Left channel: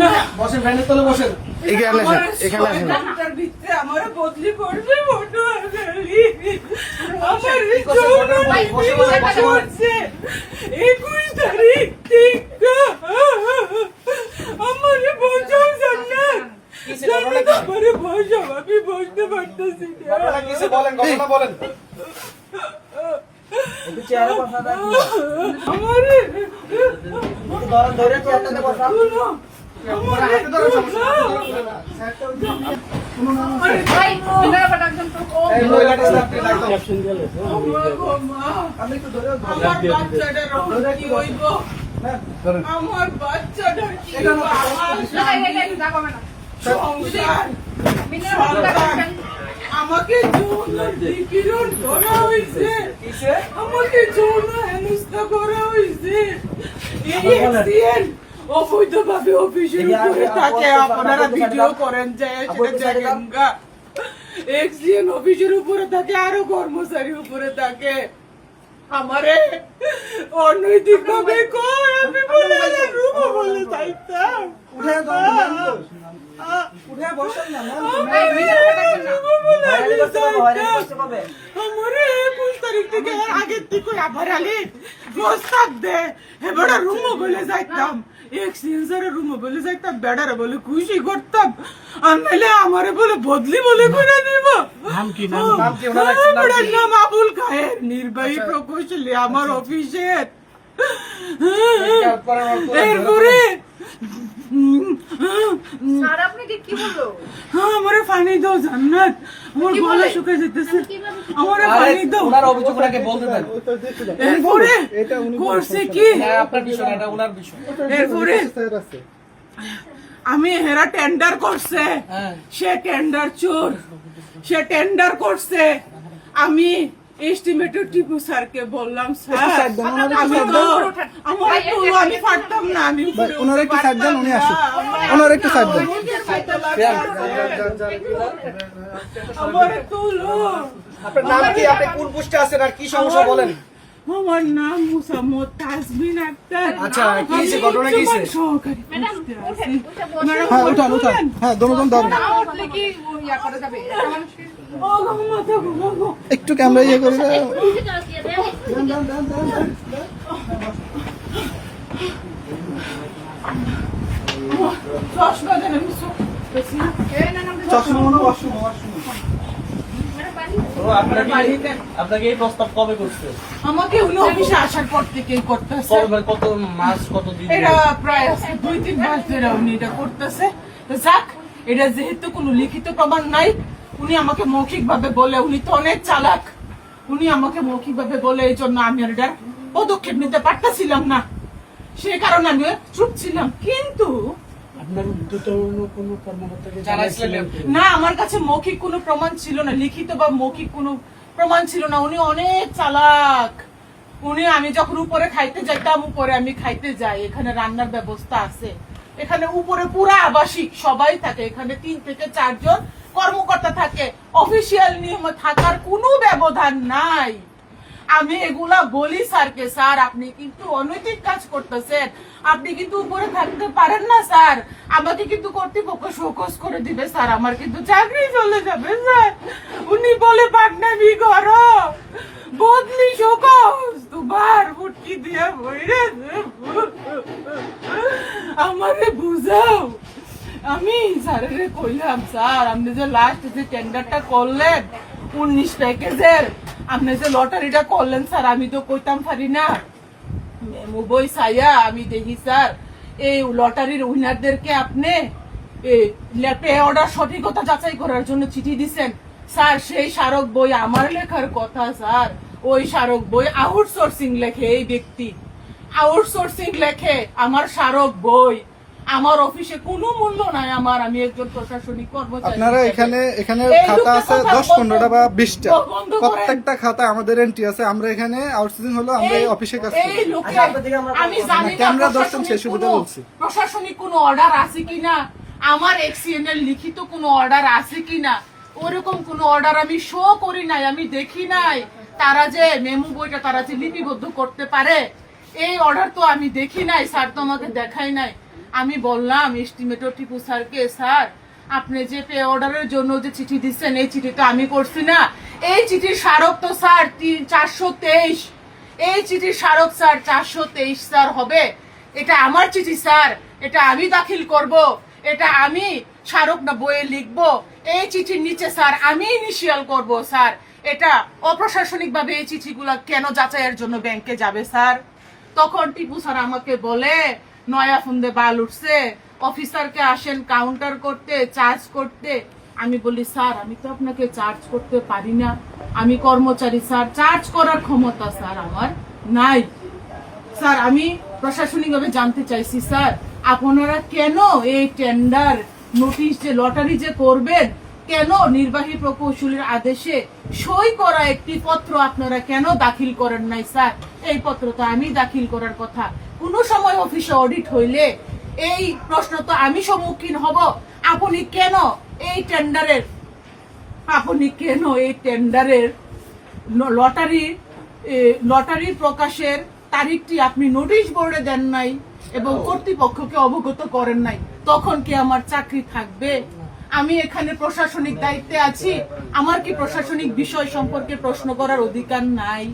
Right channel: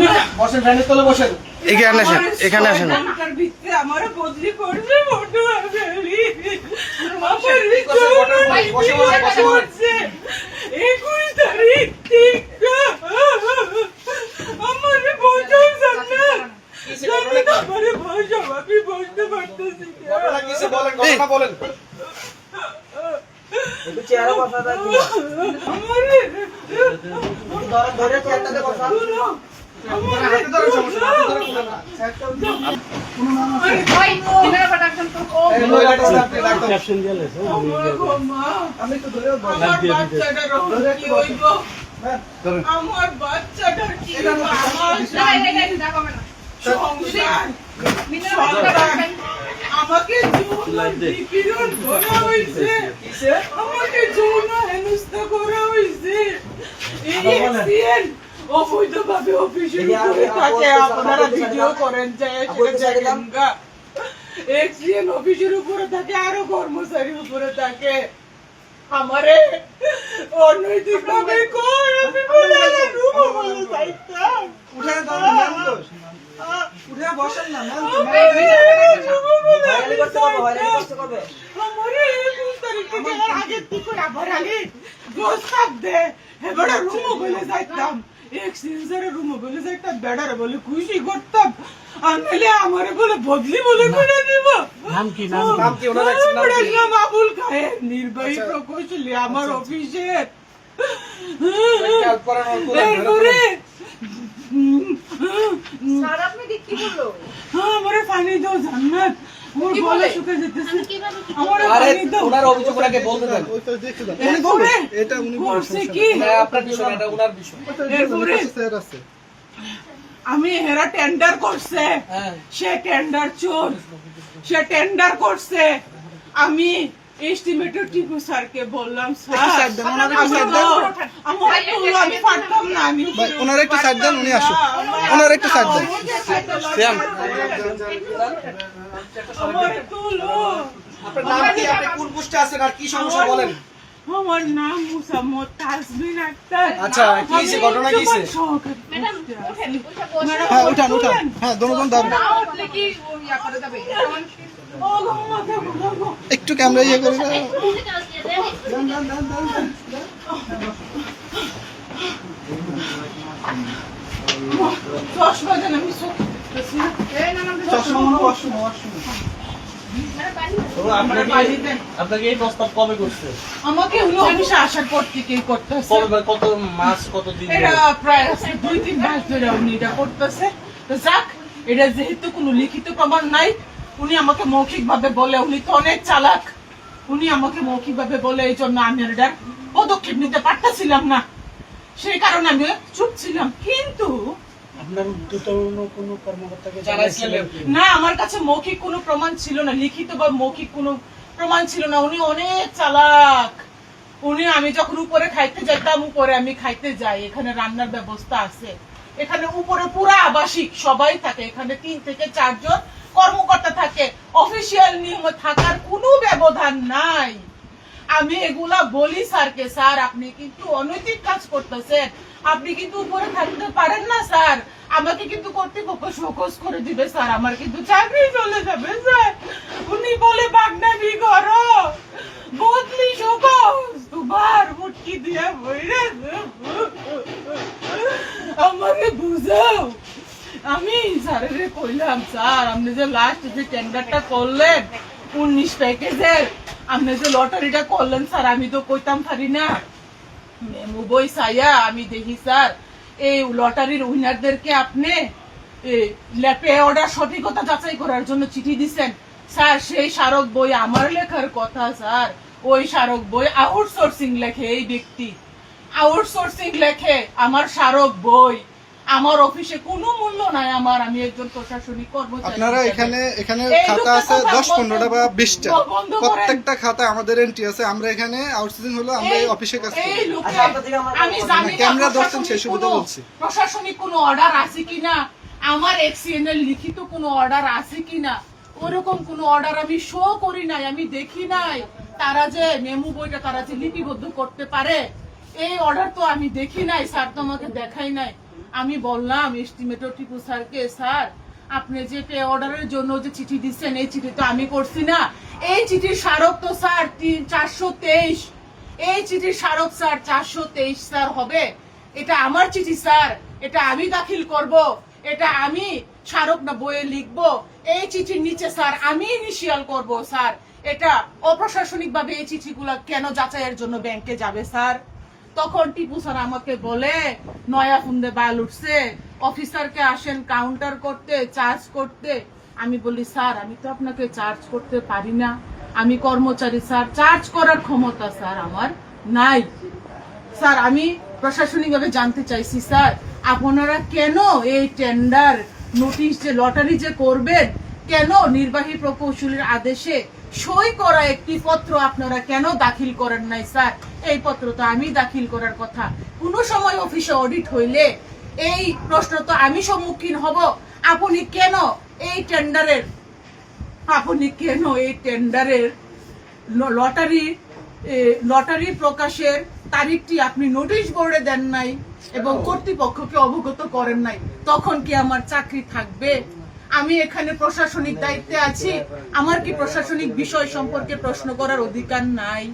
না বসেন, ভ্যানের তলে বসেন। এখানে আসেন, এখানে আসেন। আমার ভিতরে আমার বদলি করবে ফটো আছে আমার কি করছেন? ঘটনা বলেন, বসে বলেন, বসে বলেন। 21 তারিখ থেকে আমারে বলছো জান্নাত কিসে ঘটনা কি? আমারে বলছো আমি বুঝতে পারতেছি না। ঘটনা কিসে বলেন, ঘটনা বলেন। একটু চেয়ারে বসা যায় কি? আমারে ধরে চেয়ারটাতে বসা। শুনো, আমার হাতে ধরে সমস্যা, হাতে ধরে বলেন না। কোনো নাম আছে? ভাই দিনের পর ডাকছেন তো এই মহিলাটা স্টাফকে ডাক দাও। আমার গো মা আমি তো ধরে বলবো। আমার বাচ্চাটার কি হইব হ্যাঁ, ধরেন। আমার বাচ্চাটার কি এটা হইব না, আমার সংসার সন্তান আমাকে যৌন নিপীড়ন করা হয়েছে কিসে? আমাকে যৌন হেনস্থা করা হয়েছে এই এক্সিএন অবৈধভাবে অফিসের উপরে থাকে আপনারা ভিডিও করেন যায় সেটা দেখেন গা এক্সিএন অফিসের উপরে থাকে আরো কর্মচারী উপরে থাকে আমারে অনৈতিক ভাবে কই আমি বলে রুম বলে যাইতাম উঠে দাও, ম্যাম দোষ। উঠে বসেন না, ম্যাম তো, ম্যাম হয়রানি করতে কবে, হয়রানি করতে কবে? আমারে 21 তারিখ থেকে আর আগের থেকে আবার আগে প্রস্তাব দে এবারে রুম বলে যাইতাম এক্সচেঞ্জারে রুম বলে যাইতাম বেড়ারে বলে খুশি করতাম আর নাহলে আমারে বলে বদলি বলে করে দিব নাম কি, ওনার একজন নাম কি? নাম আবুল খায়ের নির্বাহী প্রকৌশলী আমার অফিসের হেল্প করেন, অল্প করেন, এরপরে স্যার আপনাকে কি বললো? আমারে পানি দাও জান্নাত আমার কি গলা বলে? শুকিয়ে যেতেছে কিভাবে আমারে আরে, পানি দাও ওনার অভিযোগ ওনাকে বলতে দেন। এরপরে করছে কি হ্যাঁ, আপনার বিষয় না, এটা ওনার বিষয়। এরপরে আমি হেরা টেন্ডার করছে হ্যাঁ। সে টেন্ডার চোর সে টেন্ডার করছে আমি এস্টিমেটর টিপু স্যারকে বললাম স্যার আমি পারতাম না আমি ওনার একটু সাইড দেন, উনি আসুক। ওনার একটু সাইড দেন। আমার তুলো আপনার নাম কি? আপনি কোন পোস্টে আছেন আর কি সমস্যা বলেন? আমার নাম মুসাম্মদ তাসবিন আক্তার আচ্ছা, কি হয়েছে? ঘটনা কি হয়েছে? ম্যাডাম ওঠেন, উঠে বসে হ্যাঁ উঠান উঠান, হ্যাঁ দোনোজন ধরেন। না উঠলে কি ইয়া করা যাবে? মানুষকে একটু ক্যামেরা ইয়ে করে বুঝে যাও দিয়ে দেন। চশমা দেন আমি এই না না চশমা মনে ওয়াশরুম, ওয়াশরুম। মানে পানি আপনাকে এই প্রস্তাব কবে করছে? আমাকে হলো অফিসে আসার পর থেকেই করতেছে কবে, মানে কত মাস, কত দিন? এটা প্রায় 2-3 মাস ধরে উনি এটা করতেছে তো যাক এটা যেহেতু কোনো লিখিত প্রমাণ নাই উনি আমাকে মৌখিক ভাবে বলে উনি তো অনেক চালাক উনি আমাকে মৌখিক ভাবে বলে এই জন্য আমি আর এটার পদক্ষেপ নিতে পারতেছিলাম না সেই কারণে আমি চুপ ছিলাম কিন্তু আপনার উদ্যতন কোনো কর্মকর্তাকে জানাইছিলেন? না আমার কাছে মৌখিক কোনো প্রমাণ ছিল না লিখিত বা মৌখিক কোনো প্রমাণ ছিল না উনি অনেক চালাক উনি আমি যখন উপরে খাইতে যাইতাম উপরে আমি খাইতে যাই এখানে রান্নার ব্যবস্থা আছে এখানে উপরে পুরো আবাসিক সবাই থাকে এখানে 3 থেকে 4 জন কর্মকর্তা থাকে অফিসিয়াল নিয়ম থাকার কোনো ব্যবধান নাই আমি এগুলা বলি স্যারকে স্যার আপনি কিন্তু অনৈতিক কাজ করতেছেন আপনি কিন্তু উপরে থাকতে পারেন না স্যার আমাকে কিন্তু কর্তৃপক্ষ শোকজ করে দিবে স্যার আমার কিন্তু চাকরি চলে যাবে স্যার উনি বলে বাগনামি করো বদলি শোকজ তোমার মুটকি দিয়ে বইরে আমারে বুঝাও আমি স্যারের কইলাম স্যার আপনি যে লাস্ট যে টেন্ডারটা করলেন 19 প্যাকেজের আপনি যে লটারিটা করলেন স্যার আমি তো কইতাম পারি না মেমু বই সাইয়া আমি দেখি স্যার এই লটারির উইনারদেরকে আপনি ল্যাপে অর্ডার সঠিকতা যাচাই করার জন্য চিঠি দিছেন স্যার সেই স্মারক বই আমার লেখার কথা স্যার ওই স্মারক বই আউটসোর্সিং লেখে এই ব্যক্তি আউটসোর্সিং লেখে আমার স্মারক বই আমার অফিসে কোনো মূল্য নাই আমার আমি একজন প্রশাসনিক কর্মচারী আপনারা এখানে এই খাতা আছে লোকটা 10-15টা বা 20টা বন্ধ করেন। প্রত্যেকটা খাতায় আমাদের এন্ট্রি আছে আমরা এখানে আউটসোর্সিং হলো আমরা এই অফিসের কাছে এই লোকে আচ্ছা, আপনার দিকে আমরা আমি জানি না ক্যামেরা ধরছেন প্রশাসনিক সেই সুবিধা কোনো- বলছি। প্রশাসনিক কোনো অর্ডার আছে কিনা আমার এক্সিএন এর লিখিত কোনো অর্ডার আছে কিনা ওরকম কোনো অর্ডার আমি শো করি নাই আমি দেখি নাই তারা যে মেমু বইটা তারা যে লিপিবদ্ধ করতে পারে এই অর্ডার তো আমি দেখি নাই স্যার তো আমাকে দেখাই নাই আমি বললাম এস্টিমেটর টিপু স্যারকে, স্যার আপনি যে পে অর্ডারের জন্য যে চিঠি দিচ্ছেন এই চিঠি তো আমি করছি না, এই চিঠির স্মারক তো স্যার 423, এই চিঠির স্মারক স্যার 423 স্যার হবে, এটা আমার চিঠি স্যার, এটা আমি দাখিল করব, এটা আমি স্মারক না বইয়ে লিখবো, এই চিঠির নিচে স্যার আমি ইনিশিয়াল করব স্যার, এটা অপ্রশাসনিক ভাবে এই চিঠিগুলো কেন যাচাইয়ের জন্য ব্যাংকে যাবে স্যার? তখন টিপু স্যার আমাকে বলে নয়া ফুন্দে বাল উঠছে, অফিসারকে আসেন কাউন্টার করতে, চার্জ করতে। আমি বলি স্যার আমি তো আপনাকে চার্জ করতে পারি না, আমি কর্মচারী স্যার, চার্জ করার ক্ষমতা স্যার আমার নাই স্যার। আমি প্রশাসনিকভাবে জানতে চাইছি স্যার আপনারা কেন এই টেন্ডার নোটিশ যে লটারি যে করবেন, কেন নির্বাহী প্রকৌশলীর আদেশে সই করা একটি পত্র আপনারা কেন দাখিল করেন নাই স্যার? এই পত্র তো আমি দাখিল করার কথা। কোন সময় অফিসে অডিট হইলে এই প্রশ্ন তো আমি সম্মুখীন হব, আপনি কেন এই টেন্ডারের লটারি প্রকাশের তারিখটি আপনি নোটিশ বোর্ডে দেন নাই এবং কর্তৃপক্ষকে অবগত করেন নাই? তখন কি আমার চাকরি থাকবে? আমি এখানে প্রশাসনিক দায়িত্বে আছি, আমার কি প্রশাসনিক বিষয় সম্পর্কে প্রশ্ন করার অধিকার নাই?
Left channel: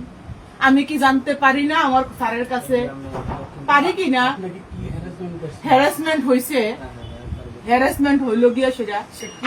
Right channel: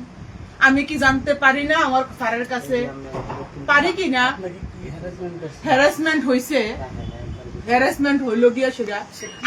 আমি কি জানতে পারি না আমার স্যারের কাছে? পারি কি না? হ্যারাসমেন্ট হইছে, হ্যারাসমেন্ট হইল গিয়া সেটা